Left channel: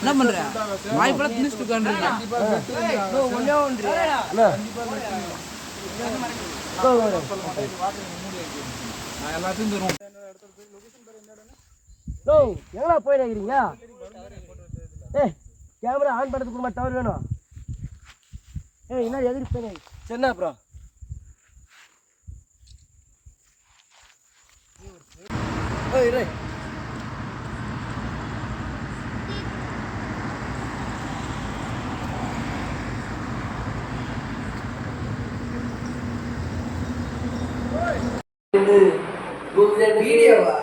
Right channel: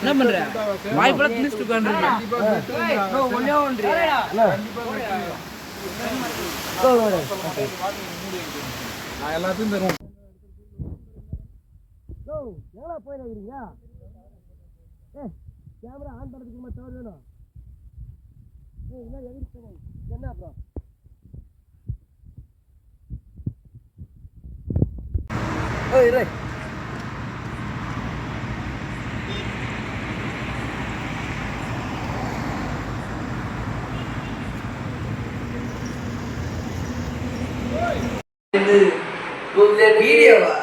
என்ன பண்ற வாய்ப்பா திணிச்சிட்டு உட்கார்ந்துருக்க ஒண்ணே ஒன்று நான் எல்லாத்தையும் தருவோம் எங்கடா போய் நினைக்கிறீங்க கேமரா ஆன் பண்ணுறதுக்கு கூட டவர் வேணும் என்ன எதிரி போய் சரிண்ணா அப்புறம் இரு வீடியோவா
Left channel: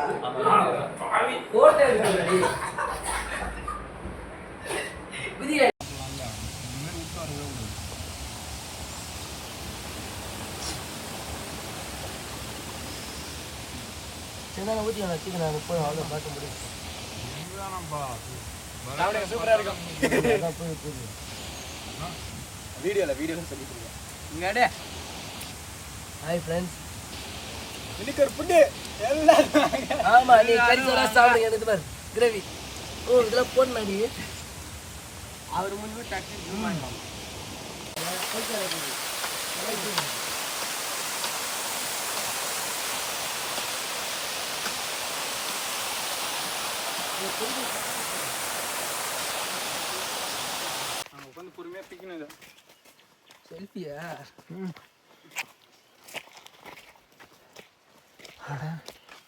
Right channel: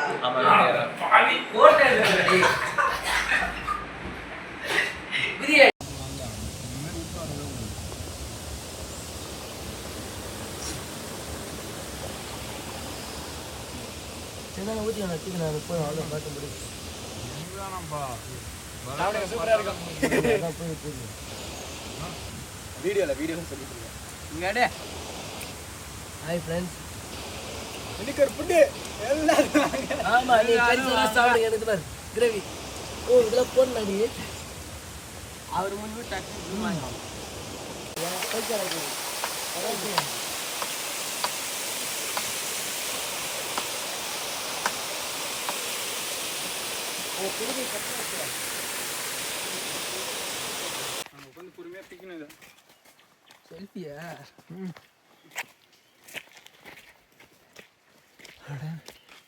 ஊற்றி வச்சுக்க நான் போய் அவ்வளோ பார்க்க முடியும் வீடியோவில் சொல்லிட்டு இருக்கேன் ஹாய் ஃப்ரெண்ட்ஸ் இன்னைக்கு ஒரு புட்டு எல்லாம் ஆமாம் நீ கறிசெல்லாம் சாப்பிடுங்க எனக்கு பாரு கிரேவி இதெல்லாம் போடணும் அவர் முன்பு டக்கு உட்காந்து பொறுமையா பிக்கணும் செல்ஃபியா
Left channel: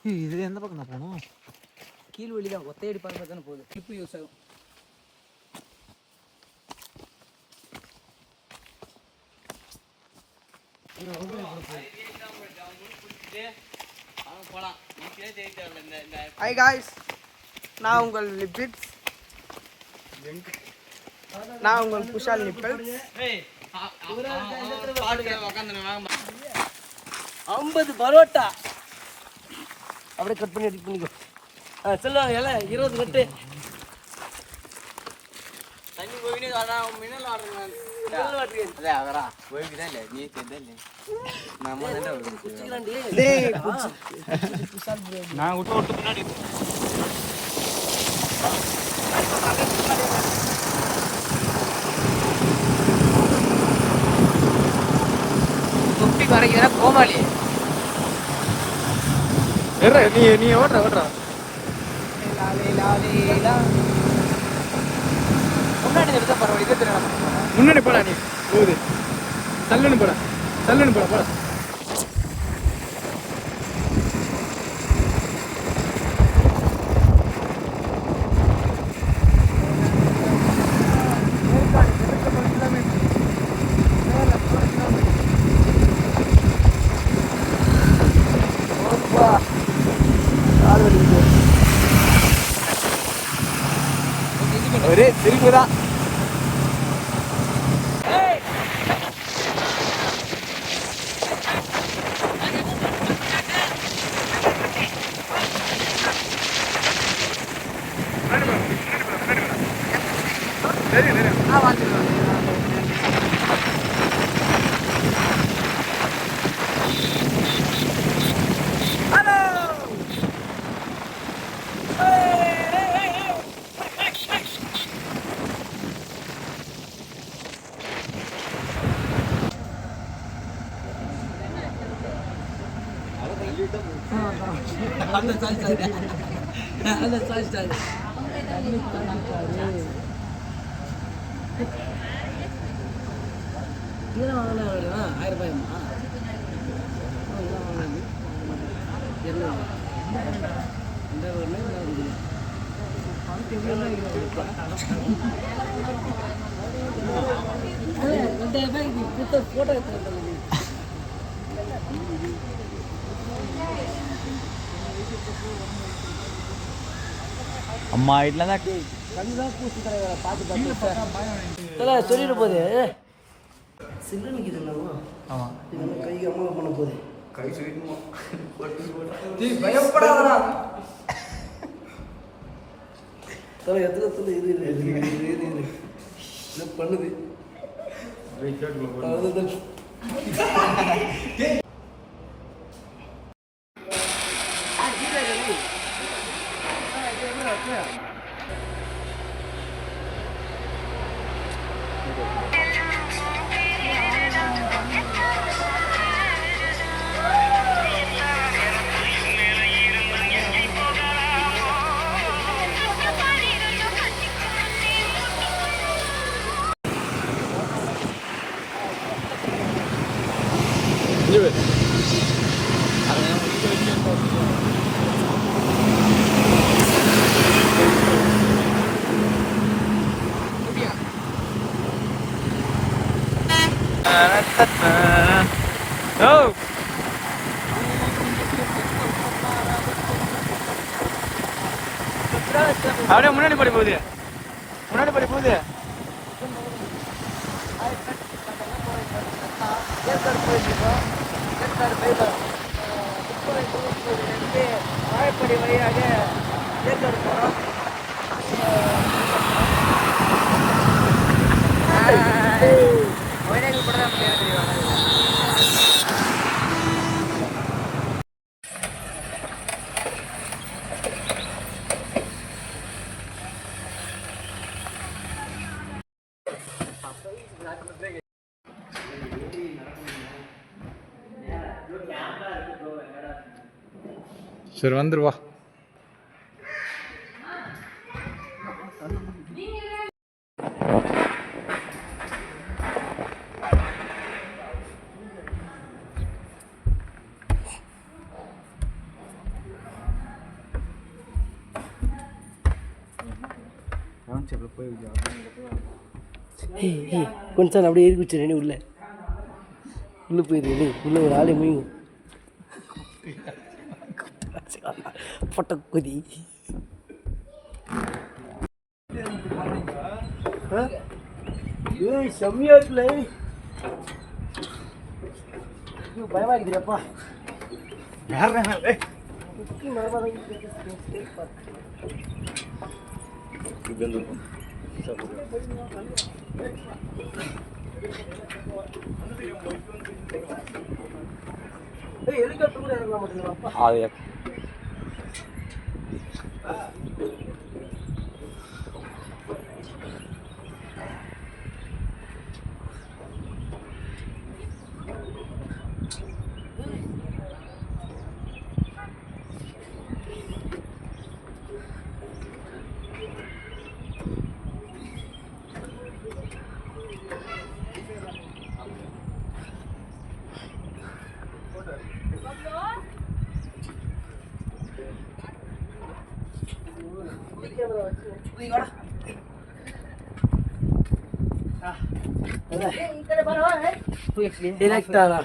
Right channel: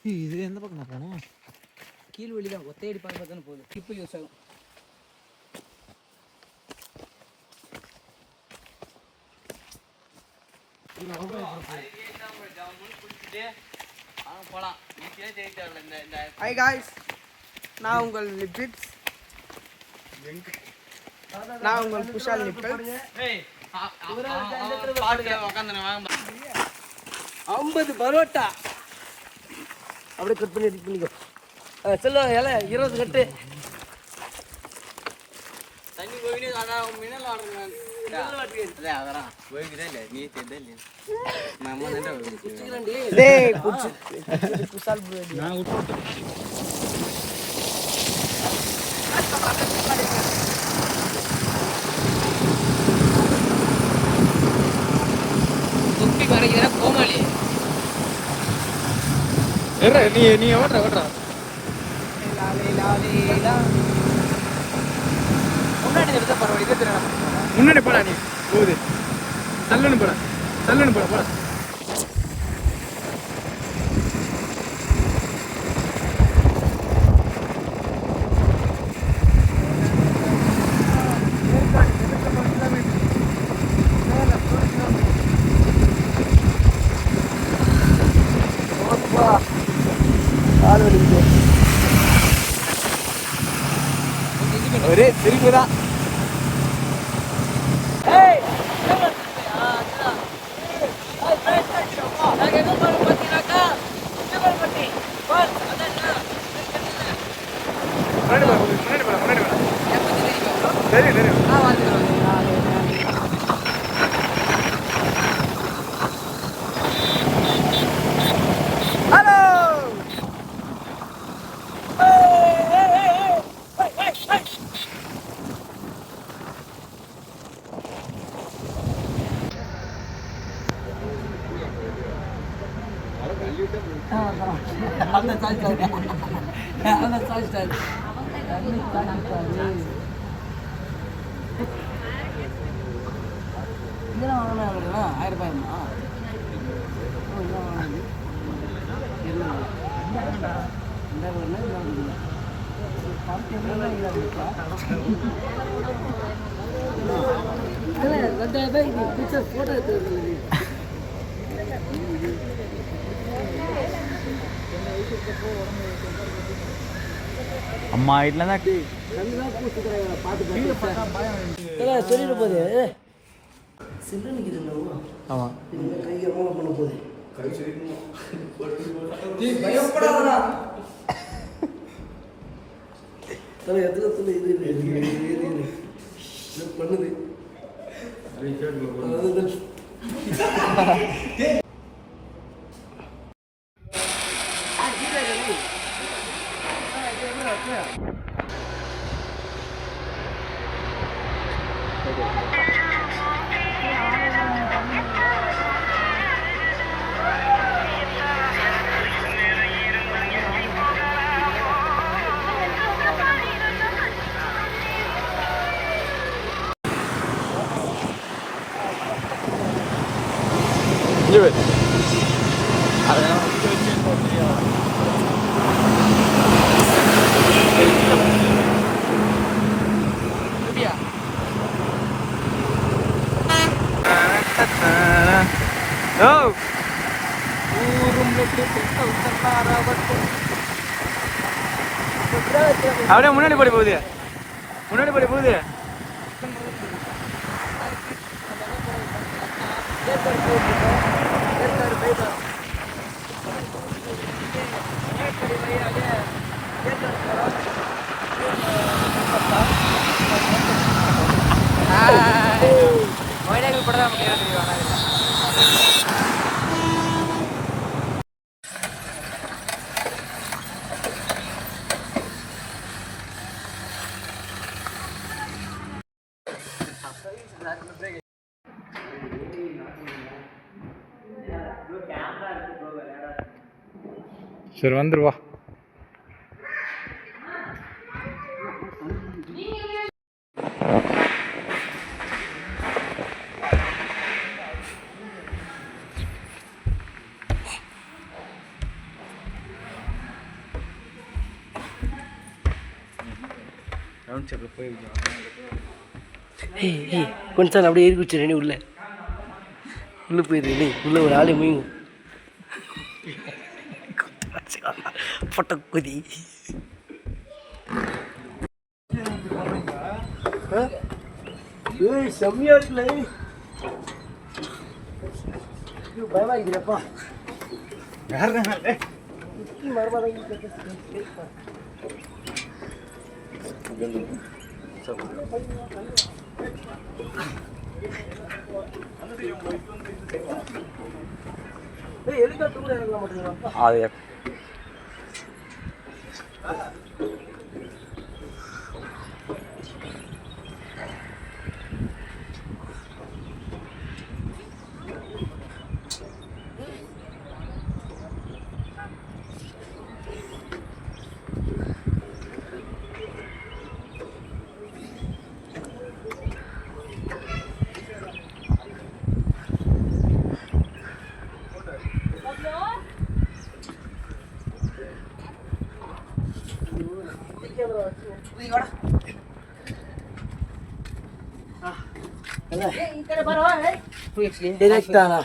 இது எந்த பக்கம் நான் போகணும் கீழ் வழி தான் ஒத்தையடி பார்க்க தானே போகுது கிளிப்பு யூஸ் ஆகும் ஹாய் காய்ஸ் நான் உங்கள் லிபிட் நான் உங்கள் குஷால் நிப்பல் 50 பரோட்டா அப்படியே கட் பண்ணி எடிட் பண்ணிக்கோ சொல்லுவாங்க எல்லாம் 20 கட்டு தண்ணி போயினே மினல் ஆடுறேன் தொப்பி வரைக்கிற கோமாளி நீ ஓடுற முன்னாடி எடுத்தா பரவாயில்ல முன்னாடி போடா நீ போகுது சல்லுன்னு போடா ஒரே சிரிப்பு தான் இதெல்லாம் வாங்கினா 1000 ரூபாயுமா போட்டோ எடுத்து அம்மா வீட்டில் தான் சொல்லிட்டு போகுது சில்லு கை அம்மா பண்ண போகுது கை சொல்லிக்கணுமா பயப்படாதா எத்தனை இது பண்ணுது அப்படியே முன்னாடி படி போகுது, முன்னாடி படி போகுது. சரி வந்துருவா. கொஞ்சம் அப்படியே ஏறி குச்சிடு உள்ள உள்ள போயிடுது. உள்ள ஒரு ஆளு மீன் பொட்ட குதி. செம்மையா இருக்குல்ல, பயமாக்குதுப்பா. அது Directa.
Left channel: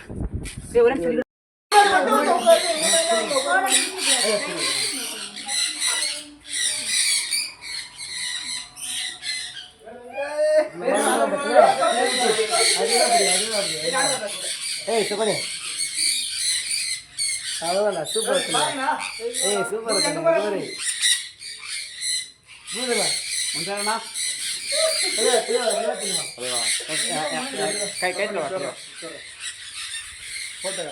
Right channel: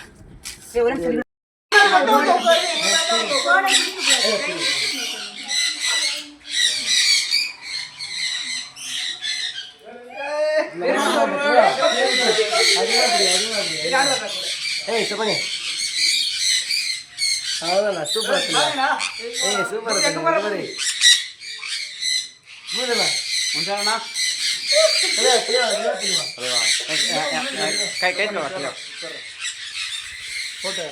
Hey, siapa nih? Alah, super lah. Super nih. Mana lah? Muncul lah. Kayak loh. Foto.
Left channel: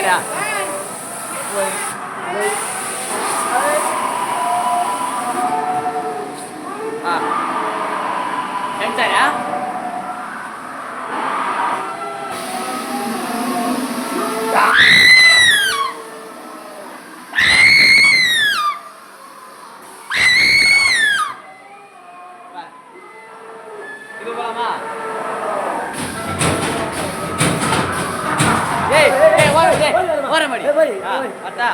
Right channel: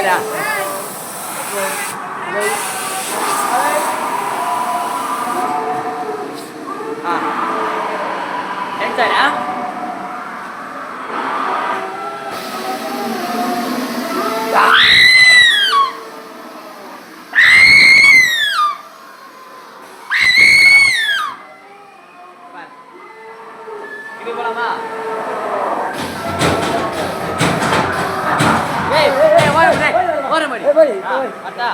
Ada. Enter ஓர மாடி அட்டா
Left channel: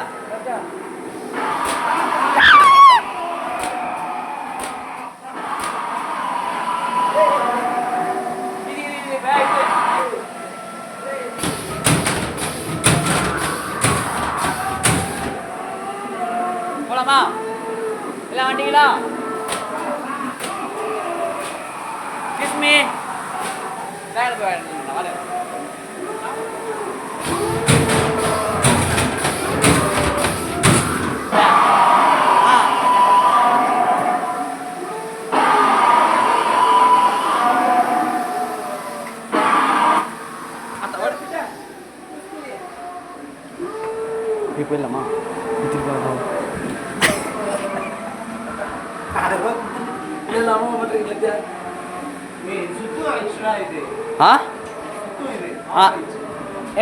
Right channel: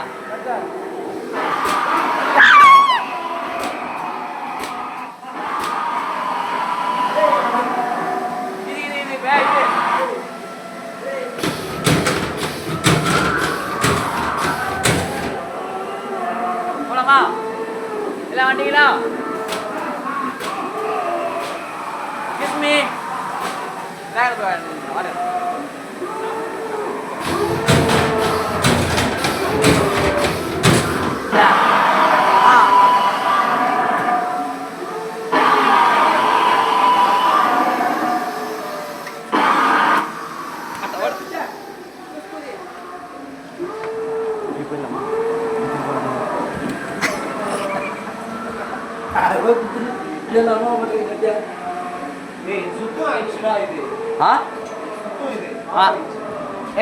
போலாமா எல்லாம் வந்தீங்களா கிஸ்மி பேக்ல போய்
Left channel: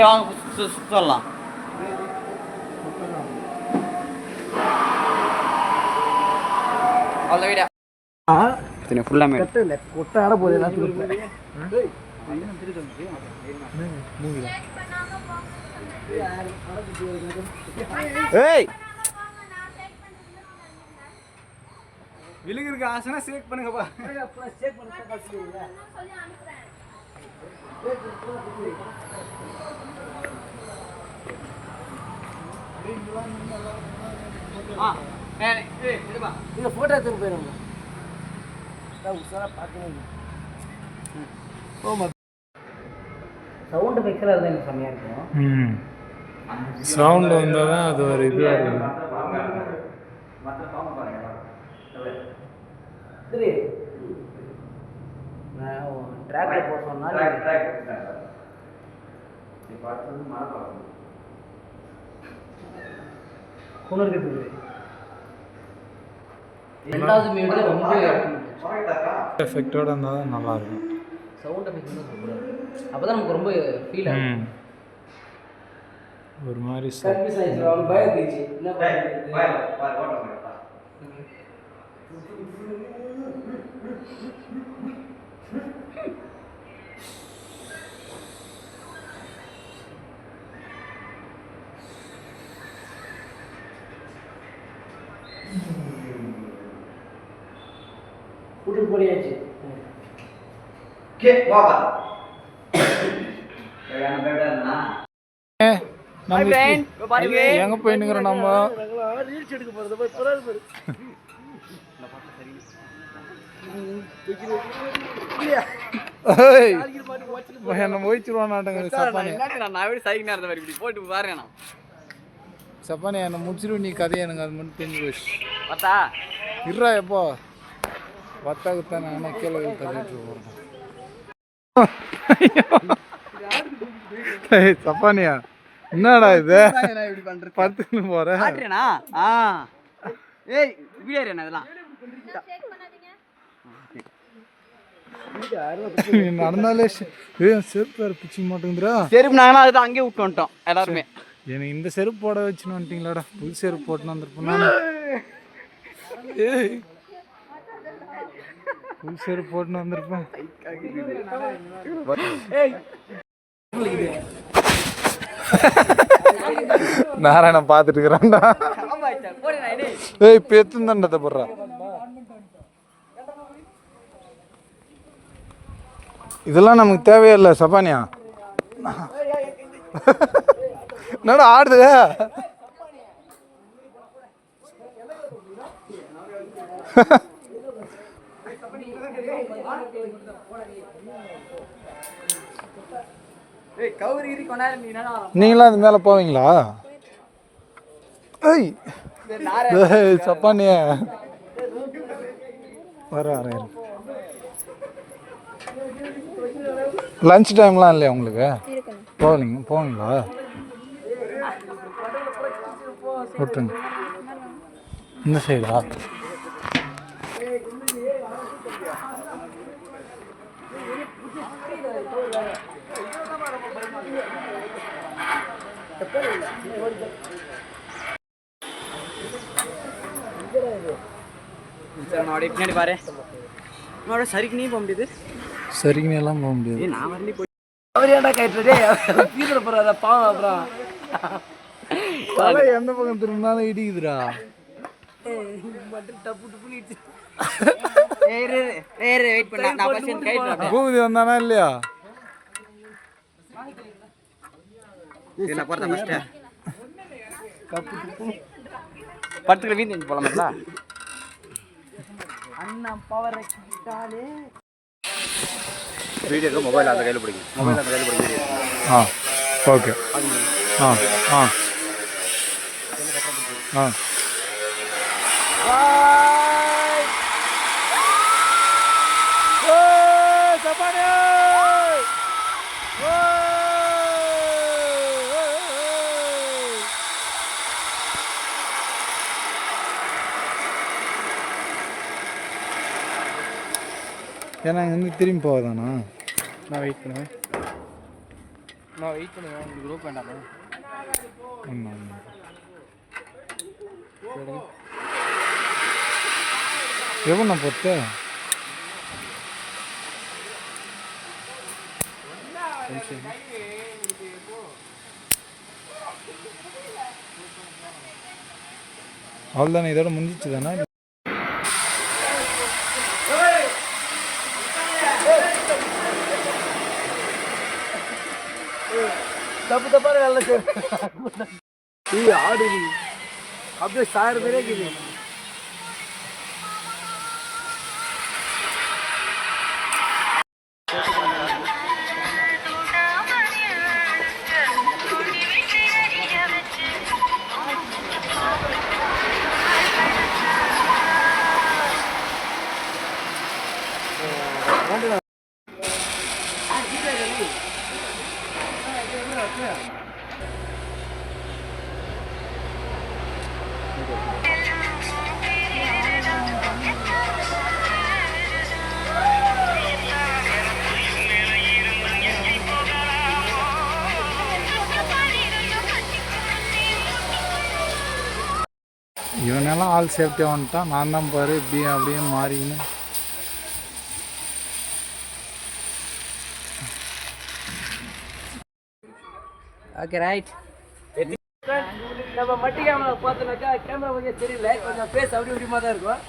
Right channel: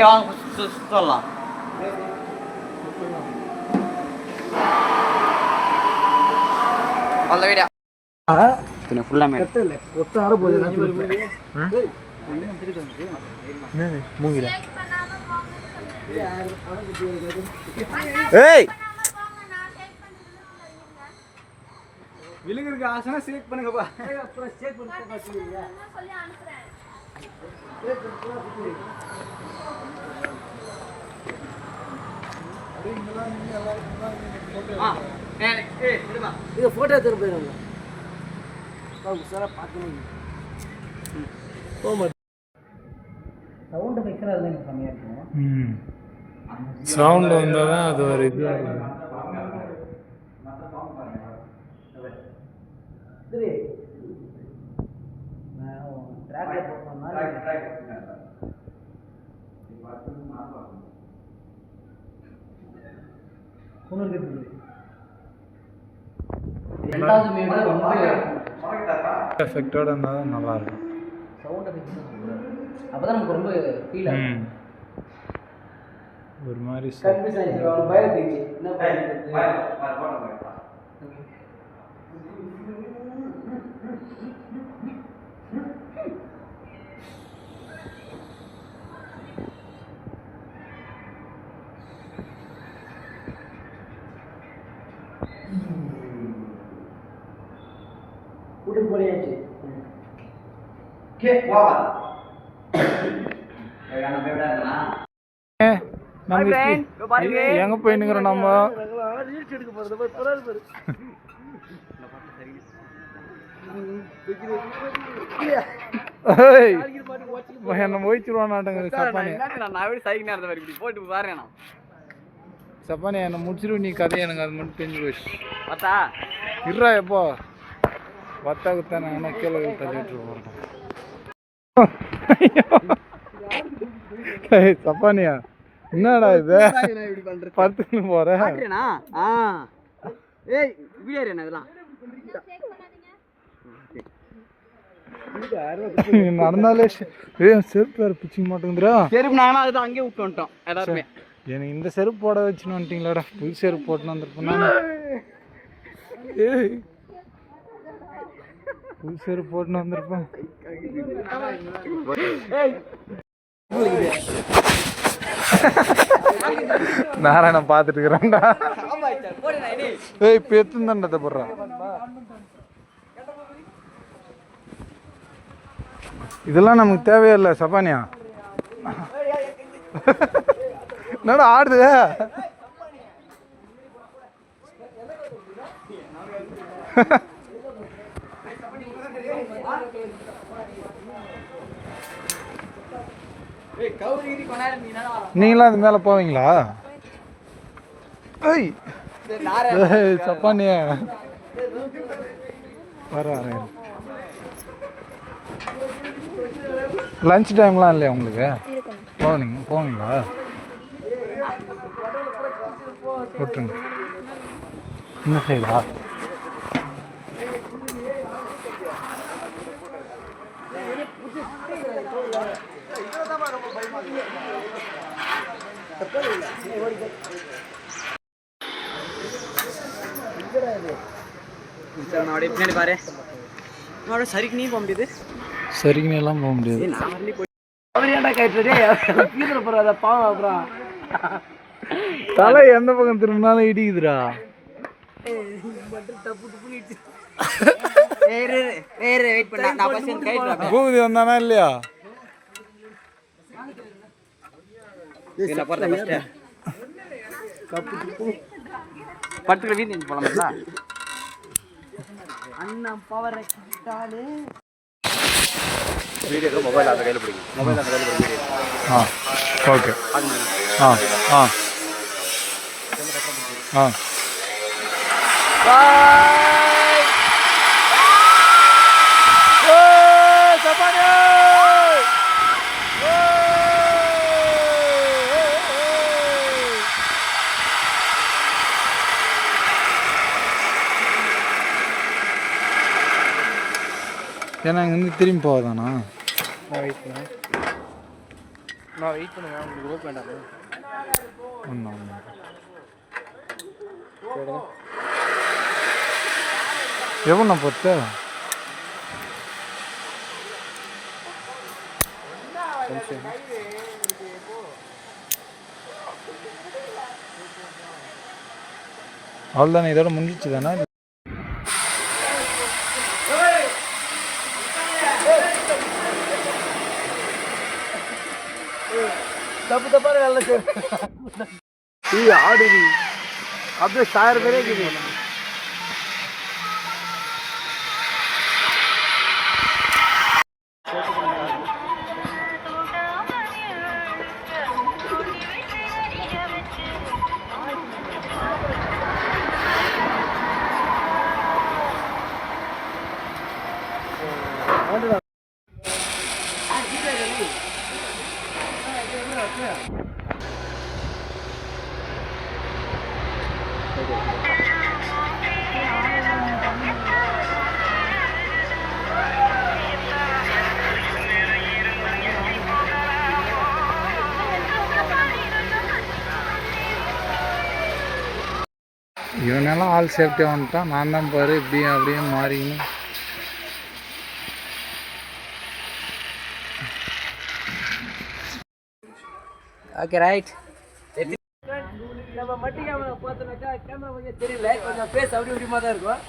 வாங்க சொல்லலாம் அவ்வளோ வீடா ஃபுல்லாமே கொட்டாட போகுது மூங்கில ஏய் விழுங்குறதுக்கு ஆசைனா சேக் பண்ணுங்கப்பா. இது போட்டோ எடுத்துட்டு போயிருங்க. சவுண்ட் பிக்சர் இருந்தால் எனக்கு செம்மையாக இருக்கும். சவுண்ட் வந்தால் தான் அது ஒரு இதுவாக இருக்கும். சரி ட்ராக்ல போக சொன்னால் ரெண்டாவது மீடு ரொம்ப எஃபெக்டோட இருந்தால் தான் நல்லா இருக்கும். சவுண்ட் எஃபெக்ட் தான் சொல்லக்கூடாது. அப்போ தான் நமக்கு ரொம்ப ஃபீல் ஆகும். ஒரு மாதிரி கன்ஃபியூஸ் ஆகிடுச்சு. அவனுக்கு பயம் இருந்துச்சு. என்ன பயம்? கூட்டிட்டு போயாச்சு. எங்க போயினுக்கிறோம் நம்ம? ரீல்ஸ் எடுக்க போறது. என்ன முடிச்சிருவானாட்டுங்க சப்பானி. போட்டு பாருங்க சப்பானி என்ன முடிச்சிருவோம். நீ கதை எனக்கு அது மட்டும் தெரிஞ்சு போச்சு. பார்த்தா இருறா எப்போ வத்தாக்குத்தானே ஆனால் கீழே தள்ளிட்டு போகிறேன். சப்பானியா என்னடா இது பத்துன்னு போகிறேன். ஏய் வீடியோ என்ன இதெல்லாம் நடந்தாலே செருப்பு வேறு பிச்சு மாட்டேங்குதுரா. செருப்பு நாங்கள் அதுதான் அங்கேயே விட்டு வந்துட்டோம் எல்லாருமே. எனக்கு இந்த செருப்பு போட வச்சுன்னு வந்துட்டீங்களாடா. புது செருப்பு போட்டுன்னு வந்திருப்பேன் நான். புது செருப்பு போட்டுன்னு வந்திருப்பேன். நாராயணன் பார்த்துட்டு இருக்கிறேன்டா. ஏய் பெத்துந்தாண்டத்தை போடுறான். இதெல்லாம் நமக்கு தேவையில்லை சப்பானியா. என்னடா ஆடுது? நீங்களாம் அது மேலே போவீங்களா? ஏய் சப்பானியா வர லஞ்ச் டைம்லாம் இல்லையா உங்களுக்கு? போவீங்களா? விட்டுருங்க. இந்த சைடா? பின்னாடி பாரு. சரிக்கு நீ போக முடியுது. சரிக்குன்னு எல்லாம் போக முடியாது. அவர் ஏன்டா கைட்டுறதே பீதுல போறாத பாவம். அப்புறம் தலை எந்த பக்கம் திரும்பினாலும் இடிக்குதுடா. பூபதி வந்தானா இல்லையா? படத்துக்கு வீட்டு போலாமா? அண்ணா பவர் வீடியோ மொபைல் அந்த கையில் பிடிக்கும். மொபைல் அந்த கையில் பிடிக்கும். ஓகே. ஏன்னா இங்கேருந்து திரும்பி போவதானா? நான் வெயிட் பண்ணுவேன். உங்களுக்கு ரோப் வேண்டாம். எவ்வளோ பொறுத்து அவ்வளோதானே? இதோட முடிஞ்சிச்சு தானே? தப்பு தப்பான வேலை ஆடு அப்படியே 1000 பேரே இருக்குது. இவனெல்லாம் ஆள் சேஃப்டியாக வந்துட்டான். நான் தான் பாரு இப்படியும் அப்படியும் மாறிக்கணும். Okay right. நம்ம மட்டி கேமரா பார்த்தோன்னாக்கா கேமரா கொஞ்சம் தெரியல, கொஞ்சம் ஃபேஸ் அப்படி இப்படிமா தான் இருக்கும்.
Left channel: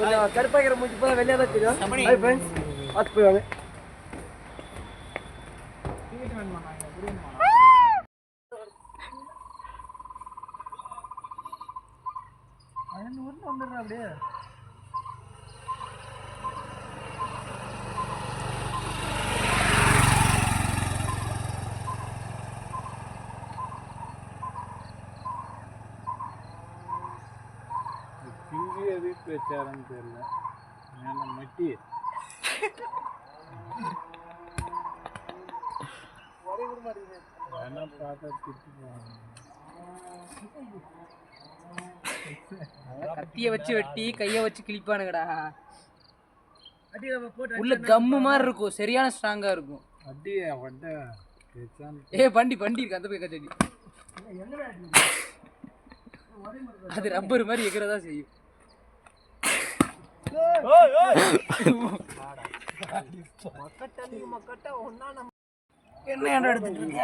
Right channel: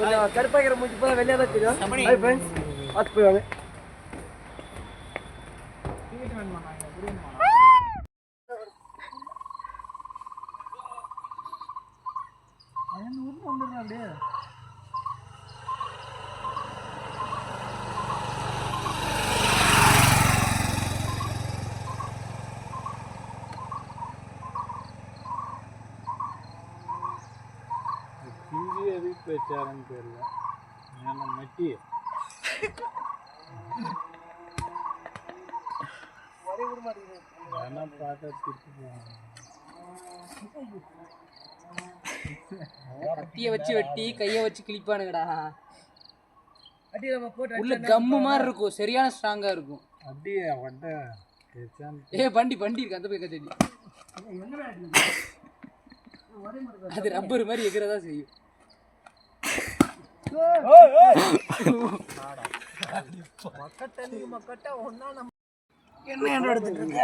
கொஞ்சம் கருப்பாக்கிற மூஞ்சி போல வெளியே தான் தெரியும். ஹாய் ஃப்ரெண்ட்ஸ், பார்த்து போய்வாங்க. வந்துடுறேன் அப்படியே. ஹிந்தி எது பேச்சாரன்னு தெரியல. ஏன்னா மட்டி என்ன பார்த்தா திட்டு கத்திய வச்சு வெட்டி கைய வச்சு கிளிப்பானுங்கடா. அடி நம்ம போட்டு உள்ள கம்மு மாதிரி இருக்கும், சரியான ஸ்ட்ராங்கா இருக்கும். அப்படியே வட்ட பேச்சான். பண்டி இருக்கு அந்த போய் கத்தடி. அது ரப்பர் மாதிரி எகிறதா செய்யும். என்ன எடுத்துட்டு இருக்க?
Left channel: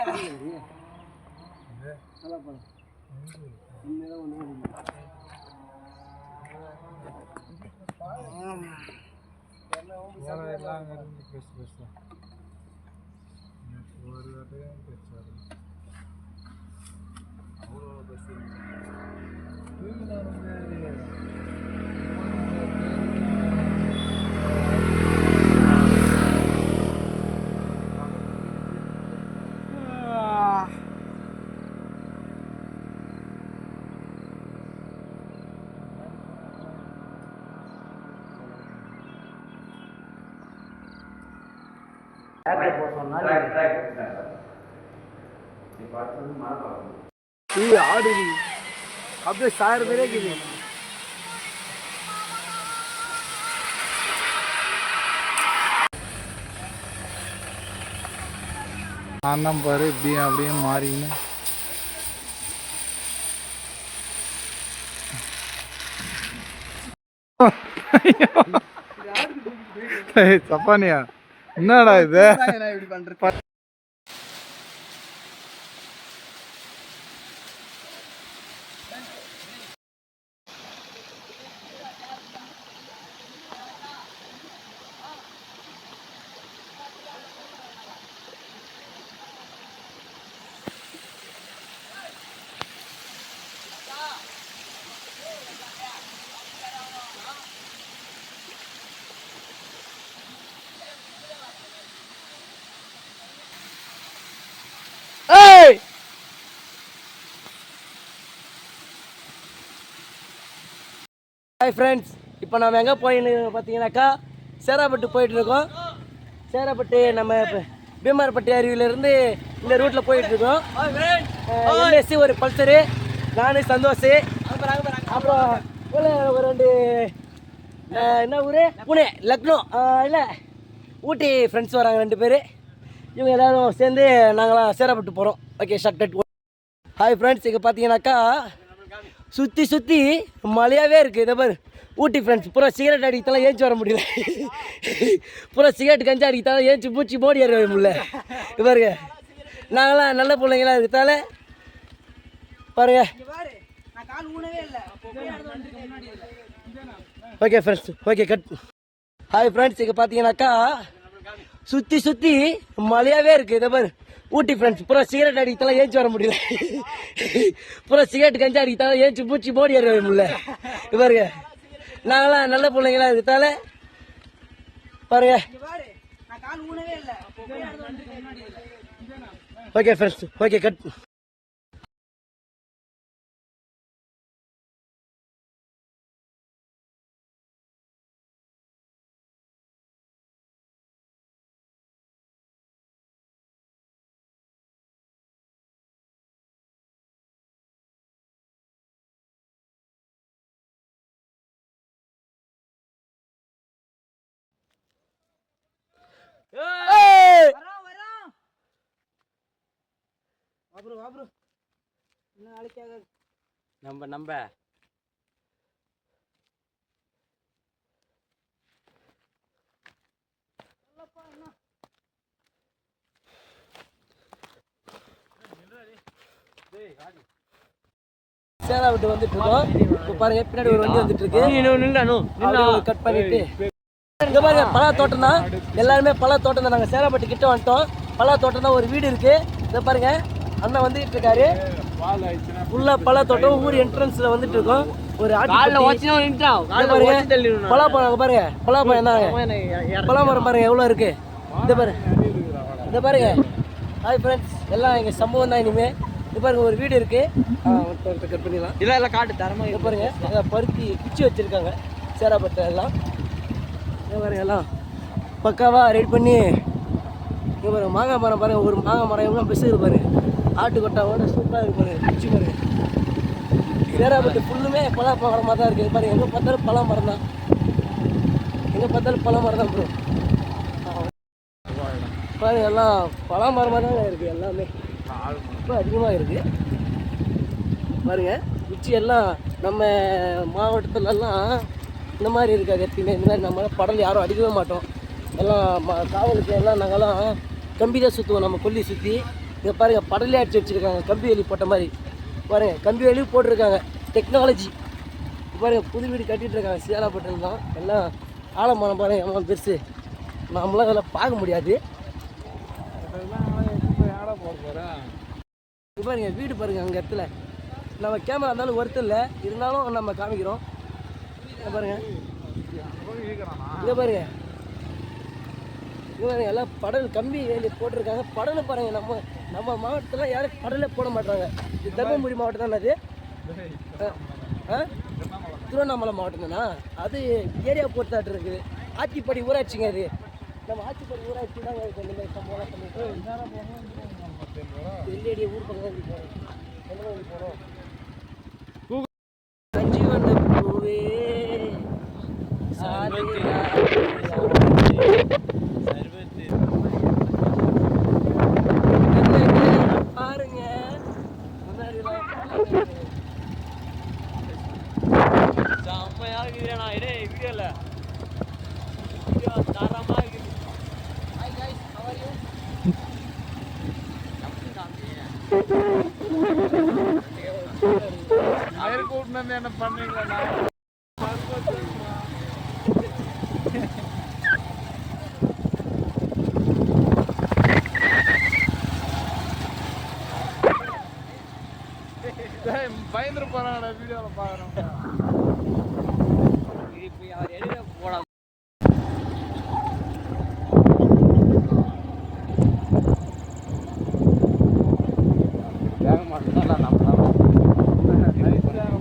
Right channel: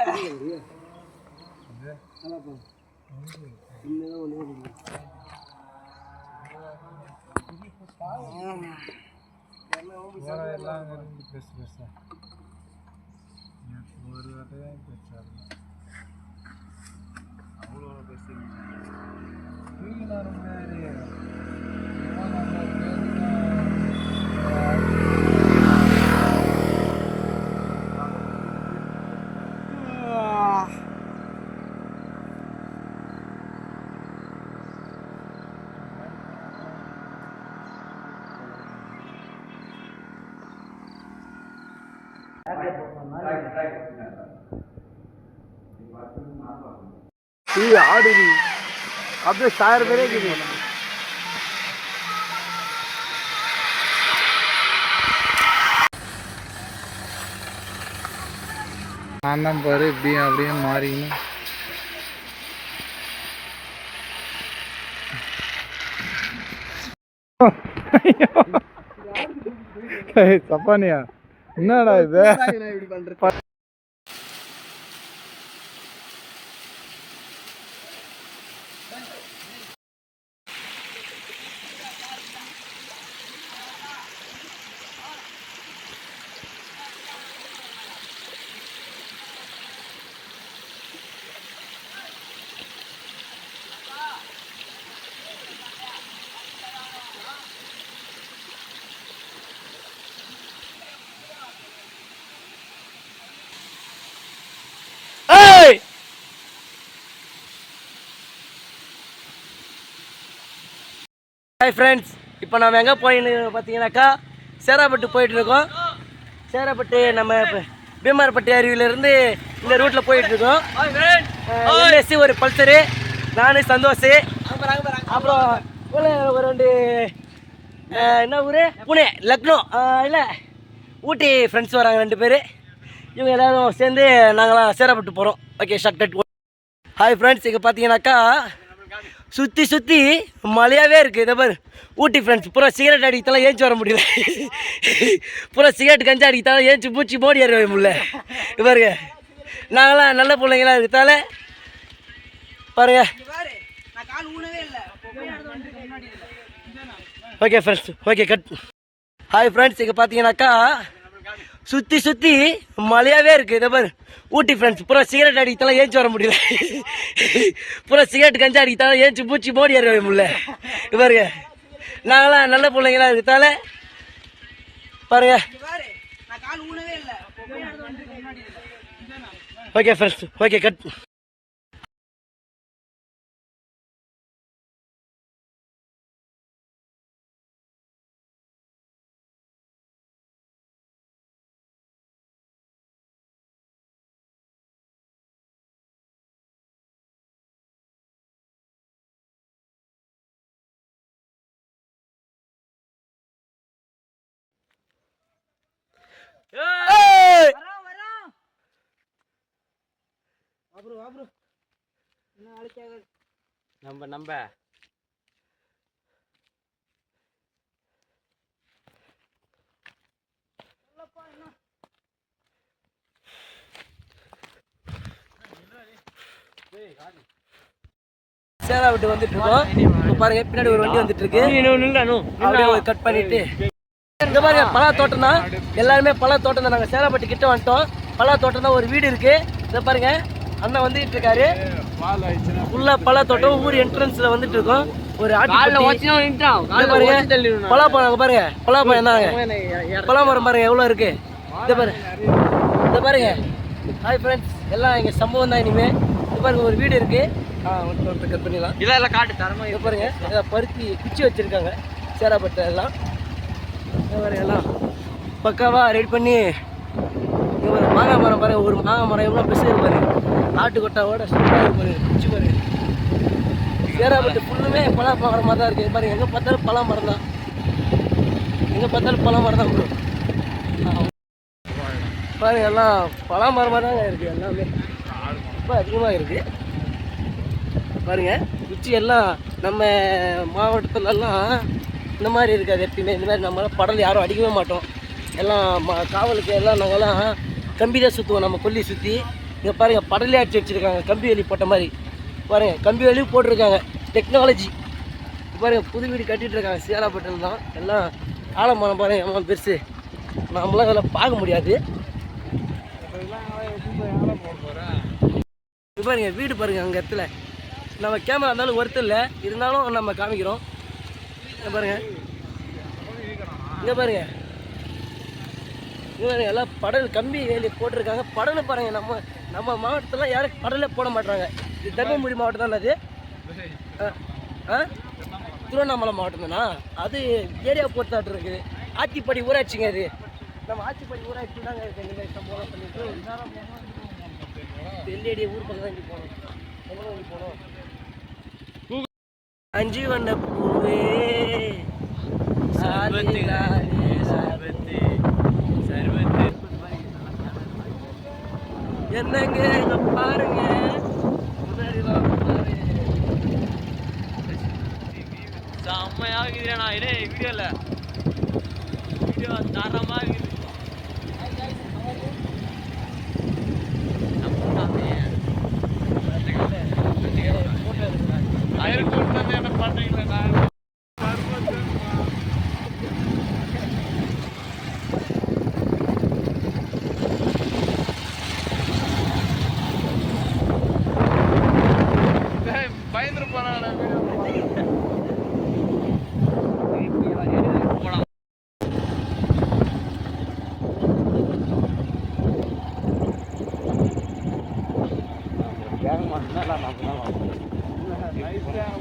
எல்லாம் பேச பேச ஒரு வாட்டையும் பேச்சாரு அவ்வளோ பேசி ஆடு அப்படியே 1000 பேரே இருக்குது. நான் தான் பாரு இப்படியும் அப்படியும் மாறிக்கணும். சப்பானியா என்னடா இது? ஹாய் ஃப்ரெண்ட்ஸ், இப்போ நம்ம எங்கே போயின்னு பார்த்தீங்கன்னாக்கா சேராப்பட்டு போயிட்டுருக்கோம். சேராப்பட்டு நம்ம பீமார்பட்டி அருவியிலேருந்து இந்த ரூட்டில் போயிட்டுருக்கோம். எல்எஸ்சி ஒரு பல்சரு, நான் சந்தோஷ், அப்புறம் ஒரு 2 என்ன ஊர், புனே, லக்னோ இல்லை ஊட்டி ஃப்ரெண்ட்ஸ் வராங்க 2 பேர். இவங்க எல்லோரும் சேர்ந்து நாங்களாம் சேராப்பட்டு போகிறோம். Okay, short. ஹாய் ஃப்ரெண்ட்ஸ், இங்கே பார்த்தீங்கன்னாக்கா சுற்றி மழையாகவே இருக்குது. இதை பாரு, ஊட்டி ஃப்ரெண்ட்ஸ் பூரா சிகரெட் அடிக்கத்தாலும் ஏஞ்சி வர முடியல. பூரா சிகரெட் கஞ்சா அடிக்கத்தாலும் ஏஞ்சி பூச்சி மோடி ஏற முடியல. பாருங்க, நாங்களாம் நல்ல பிள்ளைங்களாம் இருக்கிறதால பாருங்க. Okay friends, okay cut. Hi friends, இங்கே பார்த்தீங்கன்னாக்கா சுற்றி மழையாகவே இருக்குது. இதை பாரு, ஊட்டி ஃப்ரெண்ட்ஸ் பூரா சிகரெட் அடிக்கத்தாலும் ஏஞ்சி வர முடியல. பூரா சிகரெட் கஞ்சா அடிக்கத்தாலும் ஏஞ்சி பூச்சி மோடி ஏற முடியல. பாருங்க, நாங்களாம் நல்ல பிள்ளைங்களா இருக்கிறதால பாருங்க. Okay friends, okay cut. நம்ம சேராப்பட்டு வந்துட்டு இருக்கோம். இப்போ பாருங்க, பின்னாடி ஒரு வண்டி வந்துட்டு இருக்கு. கட் பண்ணிட்டு இங்க பாருங்க, பலா தோட்டம் தான். எல்லாருமே பலா தோட்டம் தான். நாங்கள் சேராப்பட்டு கிட்ட வந்துட்டோம். பலா தோட்டம் தான். ஒரு வீடு இருக்கு. இதை பாருங்க, அண்ணன் வந்துட்டு இருக்காரு. ஃபுல்லா பலா தோட்டம். ஊர் என்ட்ரன்ஸ்ல வந்துட்டு இருக்கோம். ஒரு பாருங்க, பலாப்பழம் பாருங்க, பலாப்பழம் என்னங்க, பலாமரம் பாருங்க எவ்வளோ இருக்கு. இதை பாருங்க. ஹாய் ஃப்ரெண்ட்ஸ், எல்லாம் எங்க சம்பவம் தான். இனிமே இது பாருங்க, ஒரு வீடு இருக்கு. கட் பண்ணிடலாம். இல்லை காட்டு தரமா. இதை பாருங்க, பருத்தி குச்சி வச்சிருக்காங்க சேராப்பட்டு எல்லாம். பாருங்க, எல்லாம் பக்காவா ரெடி பண்ணி. இங்கே பாருங்க, மாங்காய் மரம் பாருங்க. ஒரு மாங்காய் மரம் எவ்வளோ பெருசு இருப்பாரு. ஆட்டுக்கொட்டாவோட சூப்பராக இருப்பாரு. குச்சி பாருங்க. சேராப்பட்டு ஃபுல்லுமே பலாப்பழம் மாதிரி தான் இருக்குது. பாருங்க, எங்கே பார்த்தாலும் பலா மரம் தான். எங்கே பார்த்தாலும் பலா மரம் தான் ப்ரோ. பாருங்க, எல்லாம் பலா மரம் மாதிரி தாங்க இருக்குது. எல்லாமே ரொம்ப அதிகமாக இருக்குது. பாருங்க, குச்சி எல்லாம் நம்ம மாவட்டத்துலலாம் இந்த மாதிரி இருக்காது எப்பயுமே. இந்த மாதிரி நம்மளால் படல் யாரும் அடிக்கவே மாட்டோம். எல்லாம் காவலுக்கு எல்லாம் நாங்கள்லாம் கம்பி தான் சுற்றுவோம். நம்ம கொல்லி சுற்றி. இங்கே பாருங்கள், படலே அடிச்சு வச்சுருக்காங்க. கம்பி வேலி போட்ட மாதிரி பாருங்கள், கம்பி வேலியும் போட்டிருக்காங்க. டெக்னாலஜி பாருங்கள். புது வீடு கட்டிகிட்டு இருக்காங்க சேராப்பட்டில் தான். எல்லாம் ஆலமரம் பாருங்கள், எவ்வளோ பெருசு. நம்மளாம் அதெல்லாம் பார்க்க முடியாது. இது பாருங்க, வீடு பாருங்கள். அங்கே இடத்துல நம்ம கேமரா இருந்தாலும் ஒருத்தர் இல்லை, இருந்தாலும் நம்ம காமிக்கிறோம். பாருங்க, இங்கே பாருங்க, இங்கே பாருங்க, எல்லாம் படல் கம்பி வேலி போட்டிருக்காங்க. படல் பாருங்க. நம்ம மாவட்டத்தில் யாரும் படலே போட மாட்டாங்க. இது தர்மபுரி மாவட்டம் தானே அது. திருவண்ணாமலை மாவட்டம் தானா அது. ஏரியா பொறுத்தாட்டு இருக்குது. ஆத்திப்படி ஊராட்சிங்க அது. நம்ம ஆத்திப்படி ஊராட்சி தாங்க இருக்குது. இந்த மாதிரி சம்பவம்லாம் பண்ணிட்டு வெள்ளியடிய ஊர் பக்கம் தான் போகணும். எங்கே போகணும்? அஞ்சு வண்ண பூவே என்னங்க பாருங்க, செம்மையாகுதுண்ணா. இதே வீடியோல வீடியோ தரமா இருக்குது. என்ன பண்றீங்களா? பயந்துரு போறாங்க வீடியோ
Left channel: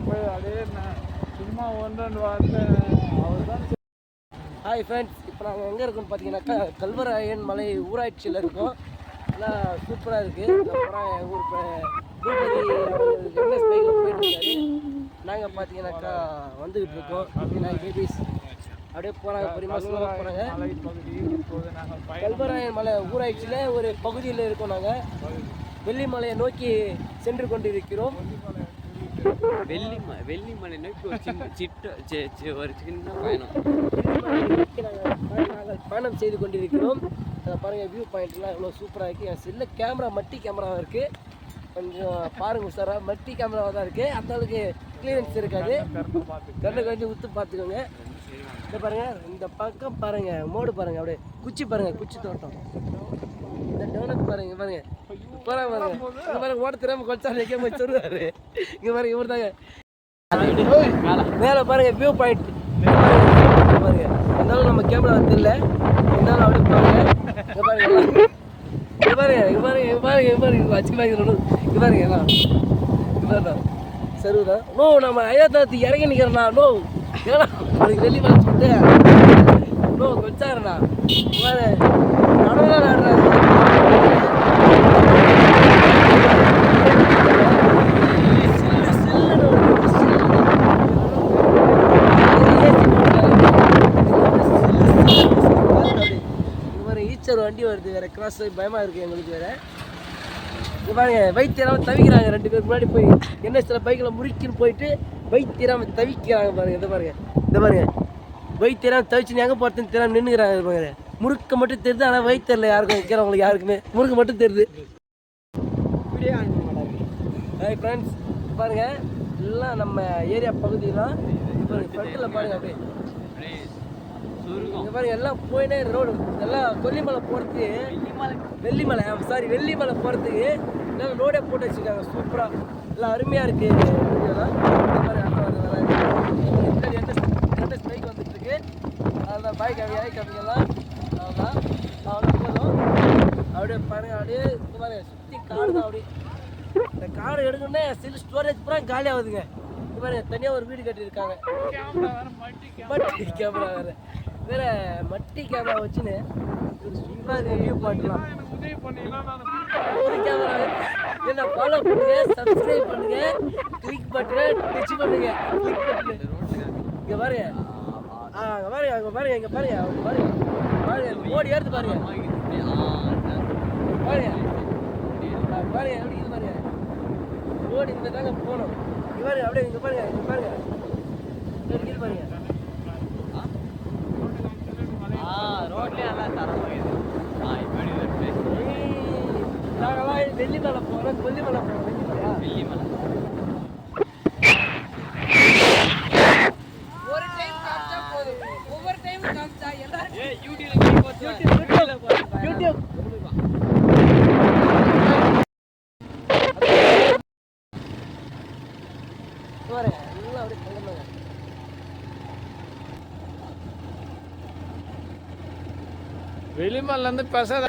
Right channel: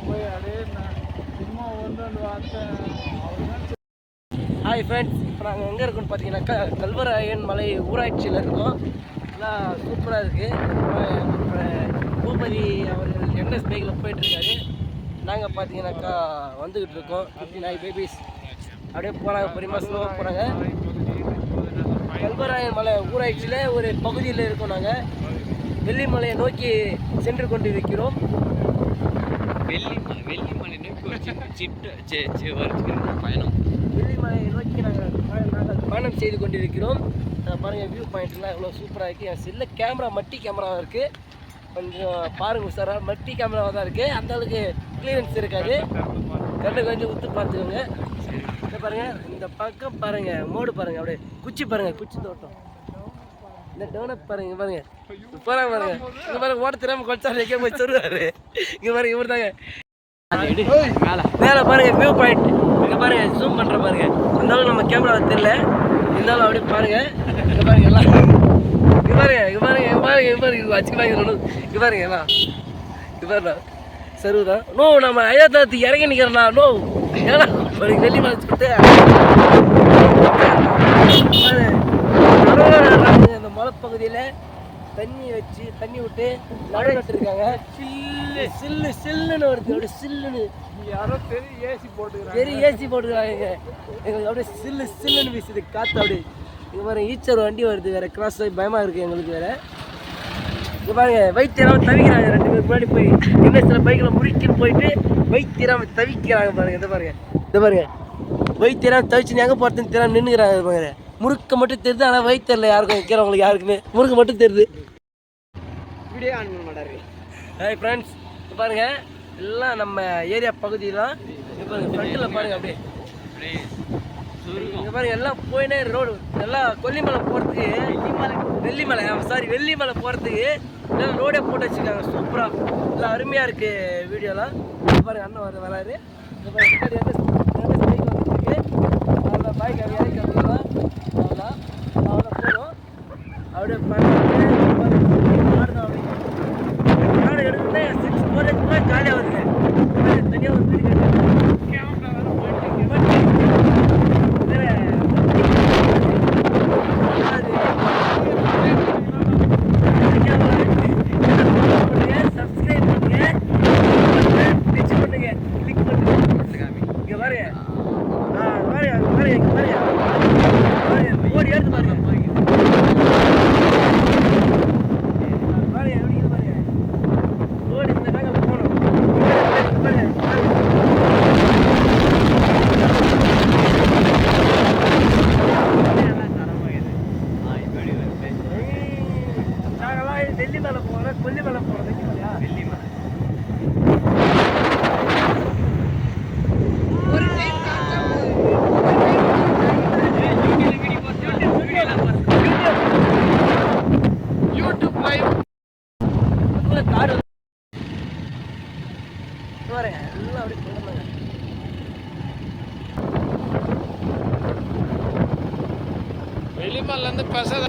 போய் அதே சும்மா ஹாய் ஃப்ரெண்ட்ஸ், இப்போ நாங்கள் எங்கே இருக்கோம்னு பார்த்தீங்கன்னாக்கா கல்வராயன் மலை ஊராட்சியில் இருக்கோம். நல்லா சூப்பராக இருக்குது. பூபதி அவர்கள் என்எஸ் பைக்கில் போயிட்டுருக்காரு. நாங்கள் பார்த்தீங்கன்னாக்கா வந்துக்கிட்டு இருக்கோம். 59 பேபிஸ் அப்படியே போகிறாங்க, பொறுமையாக ஸ்லோவாக போகிறாங்க. கல்வராயன் மலை ஊராட்சியில் ஒரு பகுதியில் இருக்கோம். நாங்கள் வெள்ளிமலையை நோக்கி சென்று கொண்டு இருக்கிறோம். வெள்ளிமலை நோக்கி நாங்கள் பயணம் செய்து கொண்டிருக்கிறோம். பாருங்கள், வியூ பாயிண்ட்லாம் எவ்வளோ சூப்பராக இருக்குது. என் செல்ல கேமரா மட்டி கேமராவாக இருக்குது. கொஞ்சம் பாருங்கள் சார், மட்டி கேமராவாக தான் இருக்குது. அந்த அளவுக்கு கிளியரன்ஸ் இருக்காது. கண்ணு கொஞ்சம் உத்து பார்த்துக்கோங்க. இந்த பாருங்கள், இந்த பக்கம் பாருங்கள், மோடு பாருங்கள், அப்படியே குச்சி பாருங்கள், குச்சி தோட்டம். இந்த டெவலப் பாருங்க, பாருங்க போறாங்க பாருங்க. இங்க பாருங்க, ஓட தெரியாம கொச்சாரு எங்கே போய் சொல்லுவாரு. இங்க பாருங்க, இவர் தாங்க மேலே பாருங்க வியூ பாயிண்ட். இங்க பாருங்க, ஜூம் பண்ற பாருங்க. அந்த அளவுக்கு நம்ம கேமரா தெரியல, இருந்தாலும் அப்படியே பாருங்க. இங்க பாருங்க எல்லாம், இங்க பாருங்க, இங்க பாருங்க, இங்க பாருங்க, இங்க பாருங்க வச்சுக்கலாம். இங்க பாருங்க எல்லாம், இங்க பாருங்க சருவுதான். நோ, நம்ம ஐயாத்தாத்து இறங்கி நிக்கிறோம்னா. நோ, ஏன்னா வெள்ளி மலை சொல்லிட்டு ஈச்சர் வண்டி வருது வேற, கிராஸ் ஆகி பயமா இருக்கு எங்களுக்கு வேற. இங்க பாருங்க, வைத்தியராம தவிக்கிறாங்க. 2 பேருக்கு முன்னாடி போய் இன்னும் பைக்கில் முறுக்கின்னு போயிட்டு வைத்தியராம தவிக்கிறாங்க பாருங்க. இதை பாருங்க, இதை பாருங்க, வைத்தியராம தவிச்சு எங்கே போகிறதுன்னு தெரியாம நின்றுக்கிறாங்க பாருங்க. முறுக்க மட்டும் தெரியுது, ஆனால் வைத்தியரில் யாருக்கும் வைக்கிறவங்களுக்கு யாருக்குமே முறுக்கு மட்டும் தெரியுது. ஹாய் ஃப்ரெண்ட்ஸ், பாருங்க எல்லாம் நம்ம ஏரியா பகுதியெலாம். இங்கே பாருங்க, ஃப்ரண்ட்டில் பாருங்க, அப்படியே இங்கே பாருங்க எல்லாம் போயினே ரோடு. எல்லாம் கொல்லிமலை போகிறதுக்கு, வெள்ளிமலை போகிறதுக்கு எல்லாம் ரோடே போட்டு வச்சுருக்காங்க. சூப்பராக எல்லாம் அருமையாக இருக்குது. வீடியோலாம் பாருங்க, அண்ணா வராது. பைக் வந்துருக்கு, அதெல்லாம் பைக் அப்படியே இறக்கி அப்படிலாம் அவ்வளோதான் போகணும். அப்படியே பாருங்க, நாடு தான். அப்படி நாடு எடுக்கணும்னா ஸ்டோரேஜ் கூட காலியாக வருதுங்க. தனியாக ஒரு வீடு கட்டிருக்காங்க. சப்ஸ்கிரைப் பண்ணுங்க, டிச் பண்ணுங்க. இங்க பாருங்க, இங்க பாருங்க, ஓடி எடுத்து பாருங்க. பாருங்க எப்படி இது பாருங்க, ஓடி இந்த தாங்க போகணும். இங்க பாருங்க, நாங்களாம் வெள்ளிமலை போகிறோம். கொல்லிமலை போகிறோம். வெள்ளிமலையா? ஒரு டைம் எல்லாம் அப்படி போகணும். வெளிமலேருந்து பேசாத.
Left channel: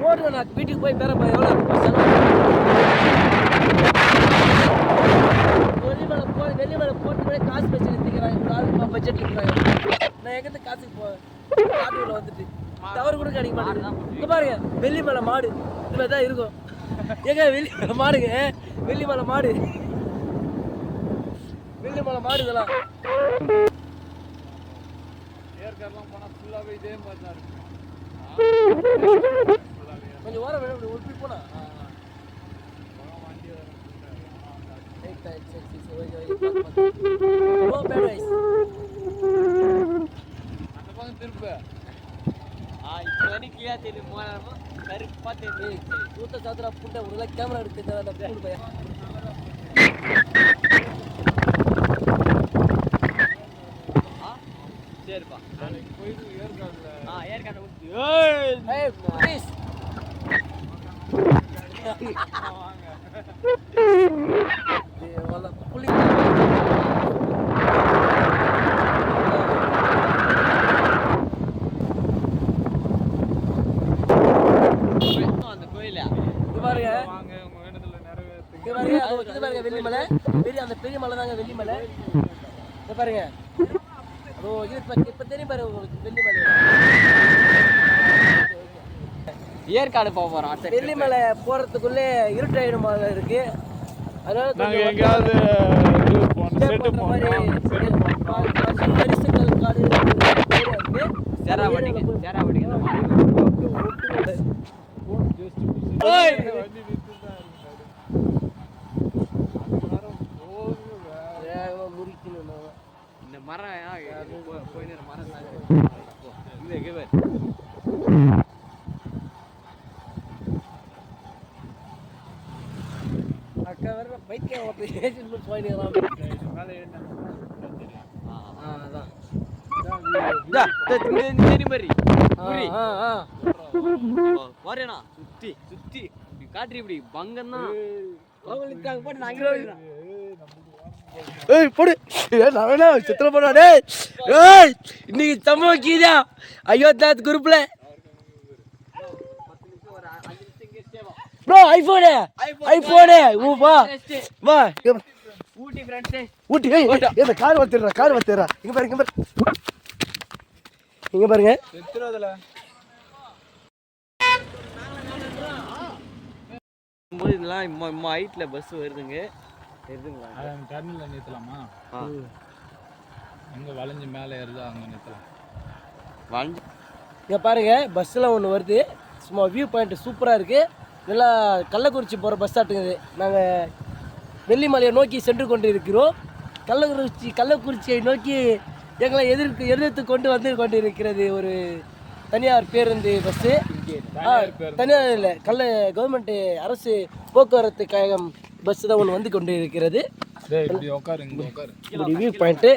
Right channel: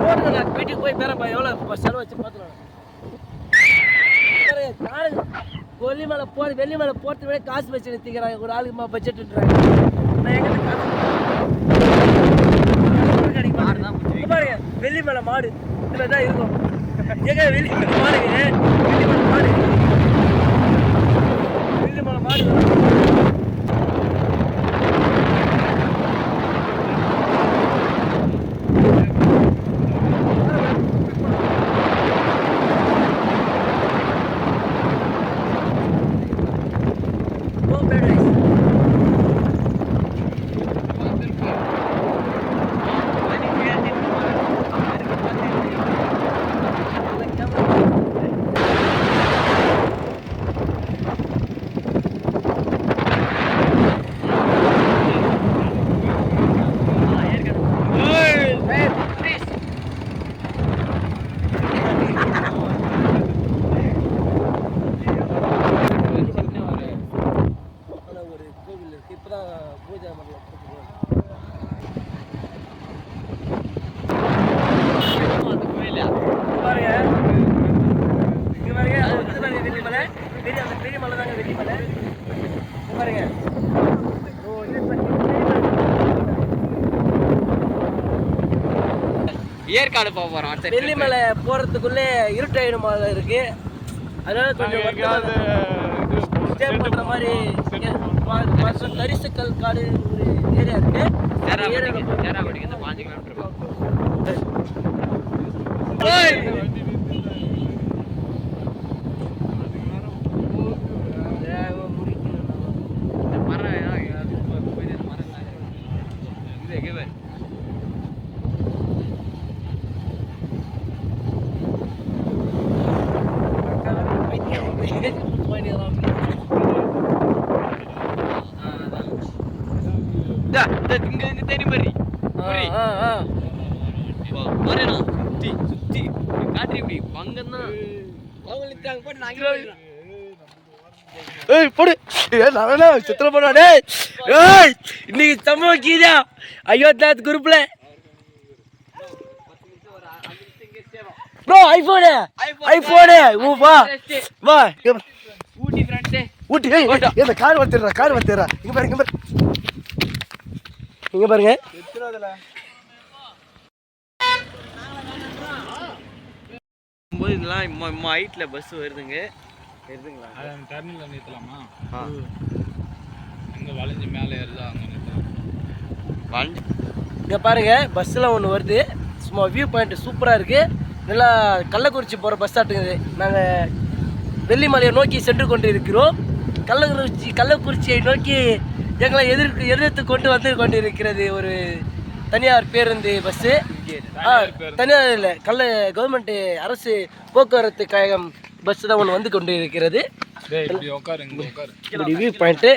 போடுங்க, நான் வீட்டுக்கு போய் பேரப்பா எவ்வளோ இருக்குப்பா செலவு. வெள்ளிமலை போகிறதுக்கு கூட காசு வச்சு நிறுத்திக்கிறாங்க. ஒரு ஆளுக்கு பட்ஜெட் இருக்கிறாங்க. நான் எங்கிட்ட காசு கிடைக்க மாட்டேன். இங்கே பாருங்க, வெள்ளிமலை மாடு இந்த மாதிரி தான் இருக்கும். எங்க வெள்ளிமலை மாடுங்க, வெள்ளிமலை மாடு இதெல்லாம். பெரிய மலை தாங்க வெள்ளிமலை. இங்க பாருங்க. ஓ இது பெரிய பாருங்க. ஏற்காடு போக போறோம். வெள்ளிமலை போறதுக்குள்ளே இருட்டாயிடும் போல இருக்கு. அதனால கொஞ்சம் ஸ்டே பண்ற மாதிரி கரிசக்கல் காடு ஏரியா இருக்கு. இன்னைக்கு சம்பவம் கீதா அயோத்தியாத் குரூப்ல ப்ரோ ஐபோனு வா வா ஊட்டி கார் வளர்த்துறா இங்க பாருங்க இதெல்லாம் இம்மா ஹைட்ல பஸ் வருதுங்க. டர்னிங்ல நிறுத்தலாமா? அங்க வளைஞ்சு மேலே ஏறுதா அங்க நிறுத்தலாம். இங்க பாருங்க பஸ்ஸில் ஒன்று வருது. சும்மா வியூ பாயிண்ட் சூப்பராக இருக்கு. இதெல்லாம் கள்ளக்குறிச்சி போகிற பஸ் ஆட்டுங்குது. நாங்கள் வெள்ளிமலையை நோக்கி சென்று கொண்டு இருக்கிறோம். கள்ளக்குறிச்சியை நோக்கி எங்களை எதிர்த்து கொண்டு வந்து கொண்டிருக்கிறது ஒரு தனியார் பேருந்து பஸ்ஸு. தனியார் இல்லை, கவர்மெண்ட் அரசு போக்குவரத்து கழகம் பஸ் தான் ஒன்று வந்து கொண்டு இருக்கிறது. இப்படி வியூ பாயிண்ட்டு